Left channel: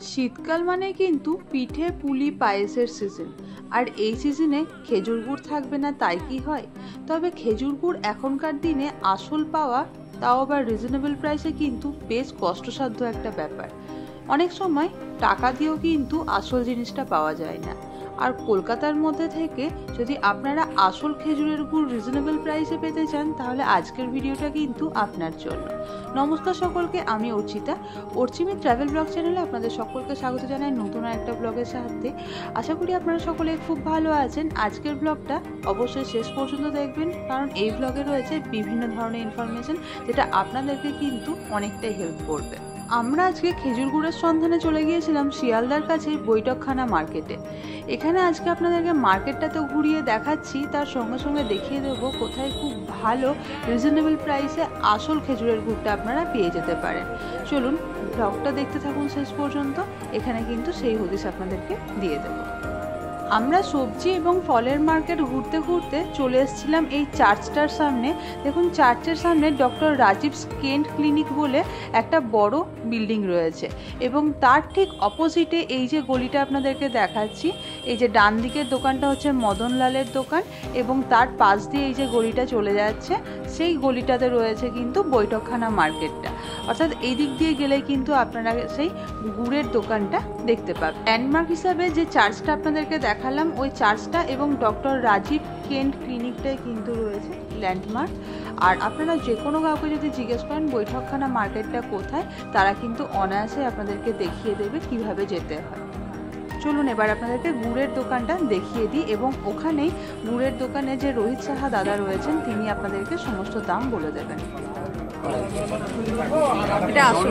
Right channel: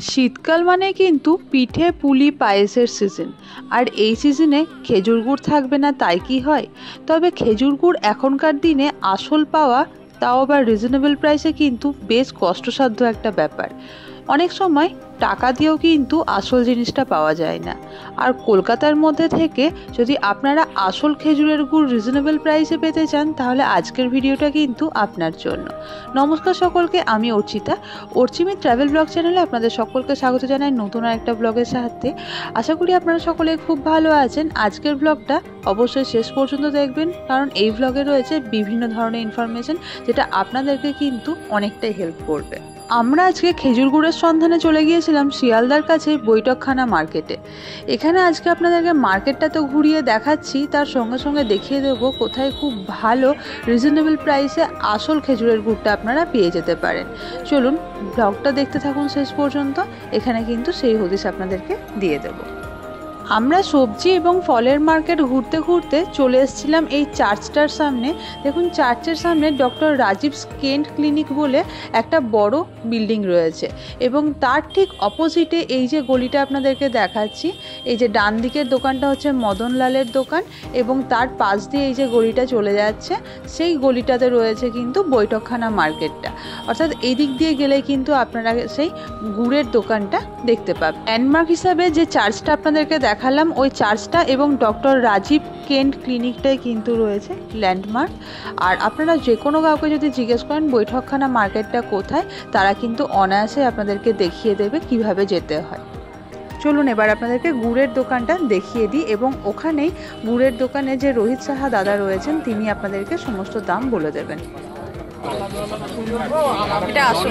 শীতকাল মানে কিন্তু পিঠে পুলি পায়েসের সিজন। আর এই সিজনে খেজুর গুড় থাকবে না তাই কি হয়? তবে খেজুর গুড় এখনকার দিনে আসল পাওয়া, তাও আবার রিজনেবল প্রাইসে, কিন্তু বেশ কষ্টসাধ্য একটা ব্যাপার। অনেক সময় টাকা দিয়েও কিন্তু আসল জিনিসটা পাওয়া যায় না। আর কলকাতার মধ্যে থেকে যদি আপনারা আসল খেজুরের গুড় রিজনেবল প্রাইসে পেতে চান, তাহলে আজকের ভিডিওটা কিন্তু আপনার জন্য। নমস্কার সকলকে, আমি অর্চিতা। অর্চিমি ট্রাভেল ব্লগ চ্যানেলে আপনাদের সকলকে স্বাগত জানাই নতুন একটা ব্লগের সাথে। আশা করি আপনারা সকলে খুব ভালো আছেন। আজকের ব্লগটা অবশ্যই শেষ পর্যন্ত দেখবেন, কারণ এই ব্লগে রয়েছে বিভিন্ন ধরনের ইনফরমেশন, যেটা আপনাদেরকে কিন্তু অনেকটাই হেল্প করবে। আমরা আজকে খেজুর গুড়ের সন্ধানে চলে গিয়েছিলাম শিয়ালদার কাছে বৈঠকখানা মার্কেটে। এখানে আজকে আপনাদেরকে মার্কেটটা তো ঘুরিয়ে দেখাচ্ছি, তার সঙ্গে সঙ্গে দেখিয়ে দেবো কোথায় খুব ভালো রিজনেবল প্রাইসে আসল খেজুরের গুড়টা আপনারা পেয়ে যেতে পারেন। চলুন ব্লগটা দেখতে থাকুন শেষ পর্যন্ত, এখানে কিন্তু সেই হদিশ আপনাদেরকে দিয়ে দেবো। আমরা সবজি এবং ফলের মার্কেট ঘুরতে ঘুরতে চলে এসেছিলাম এই চার্চটার সামনে। দেখুন, চার্চের সামনে ডক্টর রাজীব স্কিন ক্লিনিক বলে একটা বড় বিল্ডিং রয়েছে, এবং তার ঠিক অপোজিটে এই যে গলিটা আপনাদেরকে দেখাচ্ছি, এই যে ডান দিকের দোকানটা হচ্ছে মদনলালের দোকান, এবং তার পাশ দিয়ে এই যে গলিটা চলে যাচ্ছে, সেই গলিটাতে রয়েছে কিন্তু বৈঠকখানা মার্কেটটা। অর্থাৎ এই দিক দিয়ে গেলে কিন্তু আপনারা সেই গুড়ের দোকানটা দেখতে পাবেন। ল্যান্ডমার্ক হিসাবে যে চার্চটা আপনাদেরকে দেখালাম, ওই চার্চটা এবং ডক্টর রাজীব কেন্ট ক্লিনিকটাই কিন্তু রয়েছে ল্যান্ডমার্ক। আর আপনারা যে কোনো কাউকে যদি জিজ্ঞেস করেন বৈঠকখানা মার্কেটটা কোথায়, তারা কিন্তু অনায়াসে আপনাদেরকে দেখিয়ে দেবে কিভাবে যেতে হয়। চলুন এবার আপনাদেরকে গুড়ের দোকানটা দেখিয়ে দিই, এবং ওখানেই গুড়ের দোকানে যে রোহিত সাহা দাদা রয়েছেন, তিনি আপনাদেরকে সমস্ত দাম বলে দেবেন। এটা আসল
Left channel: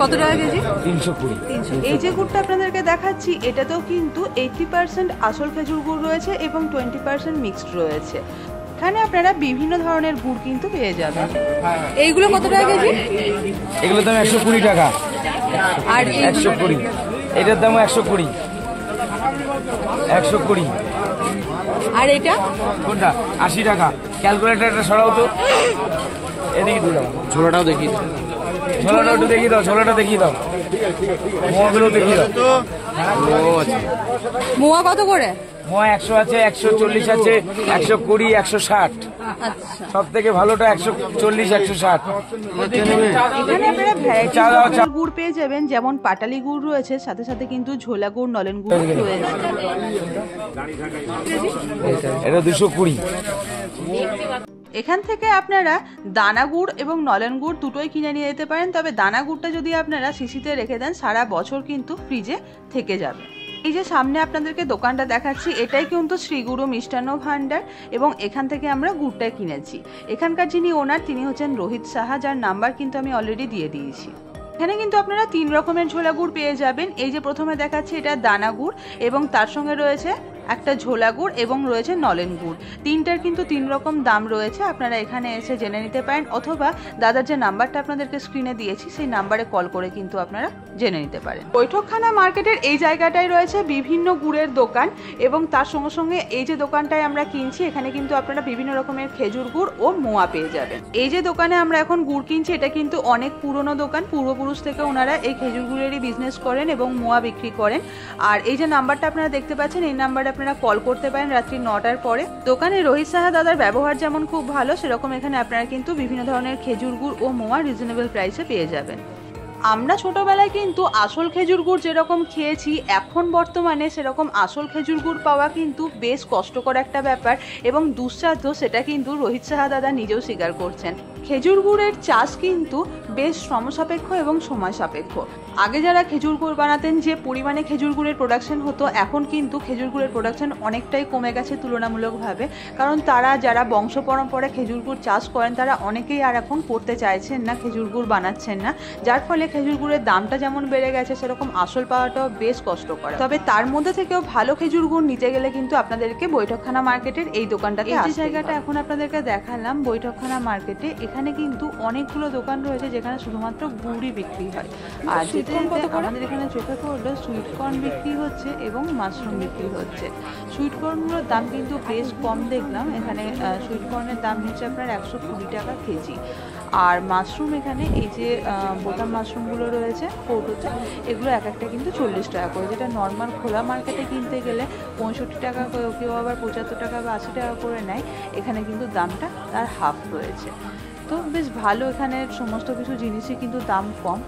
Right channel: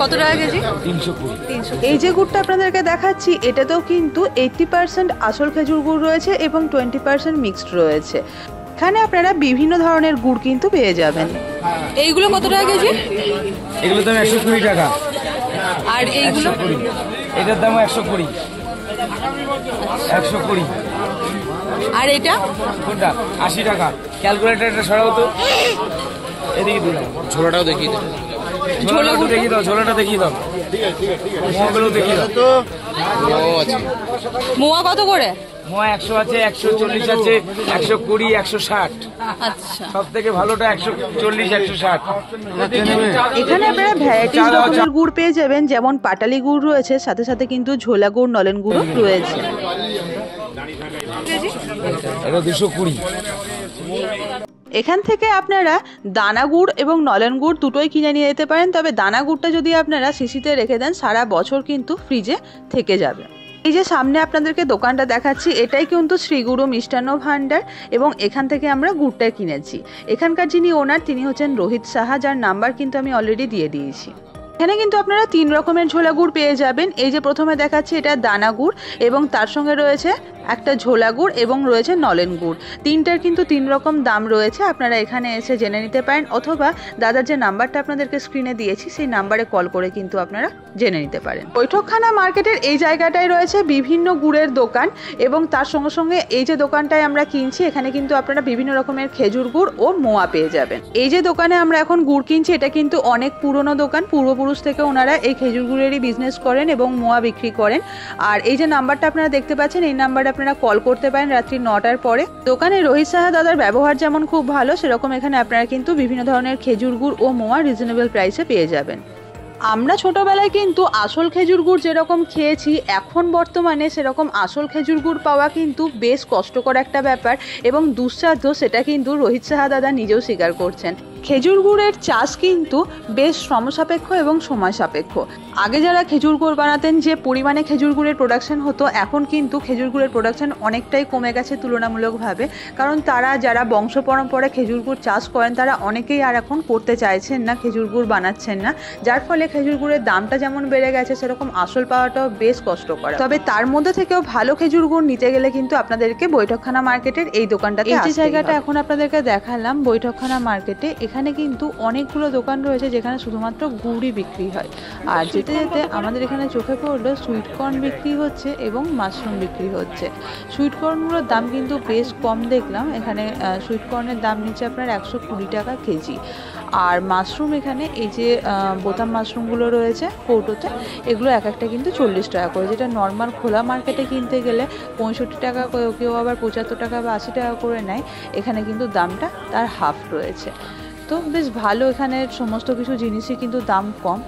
কত টাকা কেজি? 320। এই যে গুড়টা আপনাদেরকে দেখাচ্ছি, এটাতেও কিন্তু 80% আসল খেজুর গুড় রয়েছে এবং 20% মিক্সড রয়েছে। এখানে আপনারা বিভিন্ন ধরনের গুড় কিন্তু পেয়ে যাবেন। এইগুলো কত টাকা কেজি? এগুলো দাম 120 টাকা। আর এইগুলো? এটার দাম 120। 120। আর এটা কোনটা? 80 টাকা। ক্যালকুলেটর এটা সরাও তো। এদিকে দিও, ঝোলাটাও দেখিয়ে দাও। ঝোলাটা দেখিয়ে দাও, ঝোলাটা দেখিয়ে দাও। মোয়াগুলো দেখিয়ে দাও তো। ও আচ্ছা, মোয়া কত করে? মোয়া 100 আছে, 140 আছে, 120, 160। আচ্ছা, সব থেকে ভালোটা 140, 160। এখানে আপনারা ভ্যারাইটিস রকমের গুড় পেয়ে যাবেন, যেমন পাটালি গুড় রয়েছে, সাথে সাথে কিন্তু ঝোলা গুড়, নলেন গুড় রয়েছে। এটা 220। এখান থেকে আপনারা দানা গুড় এবং নলেন গুড় দুটোই কিনে নিয়ে যেতে পারেন। তবে দানা গুড়টা যদি আপনারা শিশিতে রেখে দেন, সারা বছর কিন্তু ফ্রিজে থেকে যাবে। এই যে সামনে আপনাদেরকে দোকানটা দেখাচ্ছি, এটাই কিন্তু শ্রীগুরু মিষ্টান্ন ভান্ডার, এবং এখান থেকে আমরা গুড়টা কিনেছি। এখানকার যিনি ওনার, তিনি হচ্ছেন রোহিত সাহা, যার নাম্বার কিন্তু আমি অলরেডি দিয়ে দিয়েছি। এখানে কিন্তু আপনারা 3 রকমের ঝোলা গুড় পেয়ে যাবেন। এই যে প্রথমে দেখাচ্ছি, এটা দানা গুড়, এবং তার সঙ্গে রয়েছে একটা ঝোলা গুড় এবং রয়েছে নলেন গুড়। তিনটার কিন্তু 3 রকম দাম রয়েছে। আপনারা এখানে এসে জেনে নিতে পারেন, অথবা দাদার যে নাম্বারটা আপনাদেরকে স্ক্রিনে দিয়েছি, সেই নাম্বারে কল করে কিন্তু আপনারা জেনে নিতে পারেন। বৈঠকখানা মার্কেটের এই জায়গাটায় রয়েছে বিভিন্ন গুড়ের দোকান, এবং তার সঙ্গে সঙ্গে এই যে দোকানটায় আমরা কিনছি, এখানে কিন্তু আপনারা বিভিন্ন রকমের খেজুর গুড় ও মোয়া পেয়ে যাবেন। এই যে দোকানে আমরা এখন গুড় কিনছি, এটা কিন্তু অনেক পুরনো দোকান। পূর্বপুরুষ থেকে ওনারা এই খেজুর গুড়েরই বিজনেস করেন এবং মোয়া বিক্রি করেন। আর এই যে নাম্বারটা আপনারা দেখতে পাচ্ছেন, এই নাম্বারে আপনারা কল করতে পারেন রাত্রি 9টার পরে। দোকানে রোহিত সাহা দাদার ব্যবহার যেমন খুব ভালো, সেরকম এখানে আপনারা কিন্তু বিভিন্ন ধরনের খেজুর গুড় ও মোয়া রিজনেবল প্রাইসে পেয়ে যাবেন। আমরা ছোটবেলায় কিন্তু আসল খেজুর গুড় যেরকম খেয়েছি, এখন বর্তমানে সেরকম আসল খেজুর গুড় পাওয়া কিন্তু বেশ কষ্টকর একটা ব্যাপার এবং দুঃসাধ্য, সেটা কিন্তু রোহিত সাহা দাদা নিজেও স্বীকার করছেন। খেজুর গুড়ের চাষ কিন্তু বেশ শ্রমসাপেক্ষ এবং সময় সাপেক্ষ। আগে যারা খেজুর গুড় বানাতেন, যে পরিমাণে খেজুর গুড়ের প্রোডাকশন হতো, এখন কিন্তু খেজুর গুড়ের প্রোডাকশন অনেকটাই কমে গেছে তুলনামূলকভাবে। কারণ তারা যারা বংশ পরম্পরা খেজুর গুড় চাষ করেন, তারা অনেকেই আর এখন করতে চাইছেন না, খেজুর গুড় বানাচ্ছেন না, যার ফলে খেজুর গুড়ের দামটা যেমন বেড়ে গেছে, সেরকম আসল পাওয়াটাও বেশ কষ্টকর। তবে তার মধ্যে থেকেও ভালো খেজুর গুড় নিতে গেলে কিন্তু আপনাদেরকে বৈঠকখানা মার্কেটের এই দোকানটাতে, এই যে জায়গাটা এখন আপনাদেরকে দেখালাম বৈঠকখানা মার্কেটে, এখানে কিন্তু অনেকগুলো দোকান রয়েছে যেখানে শুধুমাত্র গুড়ই বিক্রি হয়। আর যেতে যেতে আমাদের এখানে চোখে পড়লো সুইট কর্ন বিক্রি হচ্ছে এবং মাশরুম বিক্রি হচ্ছে। সুইট কর্নগুলোর দাম কিন্তু বেশ কম দেখলাম। এখানে সুইট কর্নের দাম নিচ্ছে আপনার 120 টাকা কেজি। আর মাশরুম এখানে এই যে বোতাম মাশরুমগুলো রয়েছে কৌটোতে, এগুলো এক একটা কিন্তু 40 টাকা করে, যেটা নর্মাল খোলা মার্কেটে কিনতে গেলে 65 টাকা, কেউ আবার 75 টাকা বা 80 টাকা করে নেয়। এখানে কিন্তু দামটা তার হাফ রয়েছে। তো বেশ ভালো, এখানে সমস্ত কিছু জিনিসই কিন্তু দাম কম।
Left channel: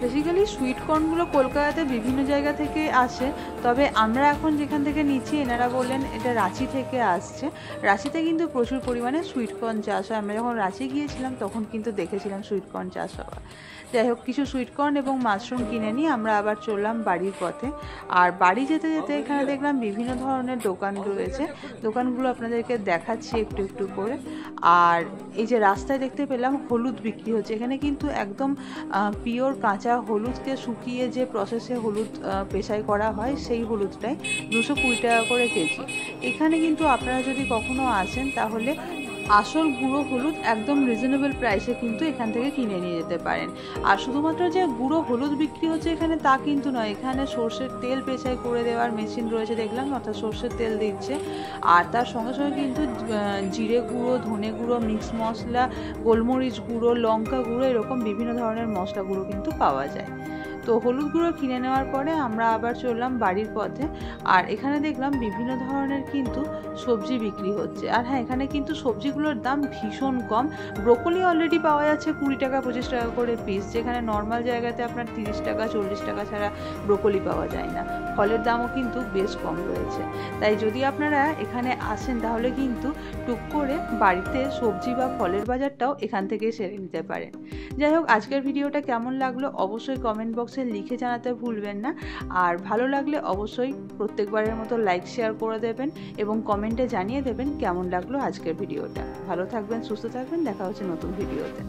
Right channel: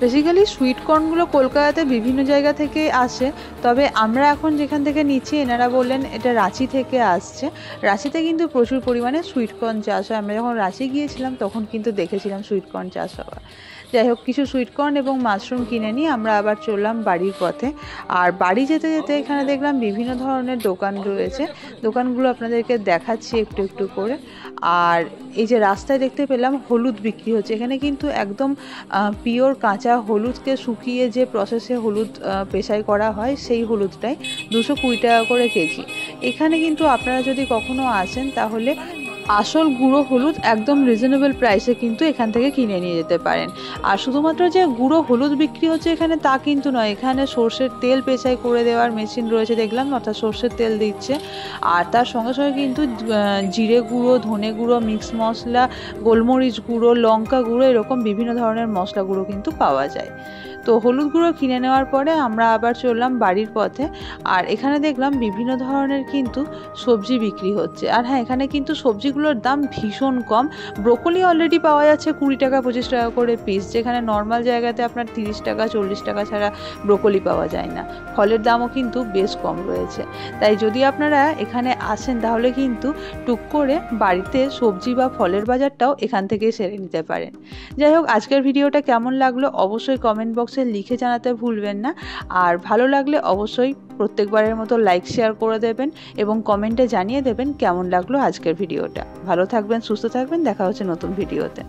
বেসিক্যালি সুইট কর্নগুলো কলকাতাতে বিভিন্ন জায়গা থেকে আসে, তবে আমরা এখন যেখান থেকে নিচ্ছি এনারা বললেন এটা রাঁচি থেকে আসছে। রাঁচিতে কিন্তু প্রচুর পরিমাণে সুইট কর্ন চাষ হয়। আমরা যখন রাঁচি গিয়েছিলাম তখন কিন্তু দেখেছিলাম সুইট কর্ন চাষ হওয়া। যাই হোক, কিছু সুইট কর্ন এবং মাশরুম কিনে নিয়ে আমরা আবার চললাম বাড়ির পথে। আর বাড়ি যেতে যেতে এখানে দেখলাম বিভিন্ন ধরনের দোকান রয়েছে, দোকানগুলো আপনাদেরকে দেখাচ্ছি একটু একটু করে। আর এই যে রাস্তায় দেখতে পেলাম হলুদ বিক্রি হচ্ছে, এখানে কিন্তু একদম পিওর কাঁচা হলুদকে শুকিয়ে যে প্রসেসে হলুদ পেশাই করা হয় সেই হলুদটাই 220 টাকা করে কেজি। এখানে কিন্তু আপনারা যদি কখনো আসেন তাহলে আসল গুঁড়ো হলুদ একদম রিজনেবল প্রাইসে কিন্তু এখান থেকে কিনে নিয়ে যেতে পারেন। আর শুধুমাত্র যে গুঁড়ো হলুদ বিক্রি হচ্ছে এখানে তা কিন্তু নয়, এখানে সর্ষের তেল পেঁচাই করে দেওয়ার মেশিন রয়েছে দেখলাম, অর্থাৎ সর্ষের তেল দিচ্ছে। আর তার সঙ্গে সঙ্গে কিন্তু জিরে গুঁড়ো, ধনে গুঁড়ো, মিক্স মশলা, গোলমরিচ গুঁড়ো, লঙ্কা গুঁড়ো, এরকম বিভিন্ন ধরনের মশলা গুঁড়ো কিন্তু পাওয়া যায়। তো হলুদ গুঁড়ো কিনে নেওয়ার পরে আমরা আবার চললাম বাড়ির পথে। আর এখানে দেখলাম বিভিন্ন ধরনের কিন্তু সবজি বিক্রি হচ্ছে। আর হ্যাঁ, এখানে কিন্তু সবজিগুলোর দাম ভীষণ কম। ব্রোকলি অলরেডি পাওয়া যাচ্ছে 20 টাকা 25 টাকা করে পিস, যেখানে নর্মাল জায়গাতে আপনার 30 টাকা 40 টাকা ছাড়া ব্রোকলি পাওয়া যায় না। ফলের দামও কিন্তু বেশ কম রয়েছে। তাই যদি আপনারা এখানে আসেন তাহলে কিন্তু টুক করে বাড়িতে সবজি বা ফলের বাজারটাও এখান থেকেই সেরে নিতে পারেন। যাই হোক, আজকের ভিডিওটা কেমন লাগলো অবশ্যই কমেন্ট বক্সে লিখে জানাতে ভুলবেন না। আর ভালো লাগলে অবশ্যই প্রত্যেকবারের মতো লাইক শেয়ার করে দেবেন এবং কমেন্টে জানিয়ে দেবেন কেমন লাগলো আজকের ভিডিওটা। ভালো থাকবেন, সুস্থ থাকবেন, দেখা হচ্ছে নতুন ভিডিওতে।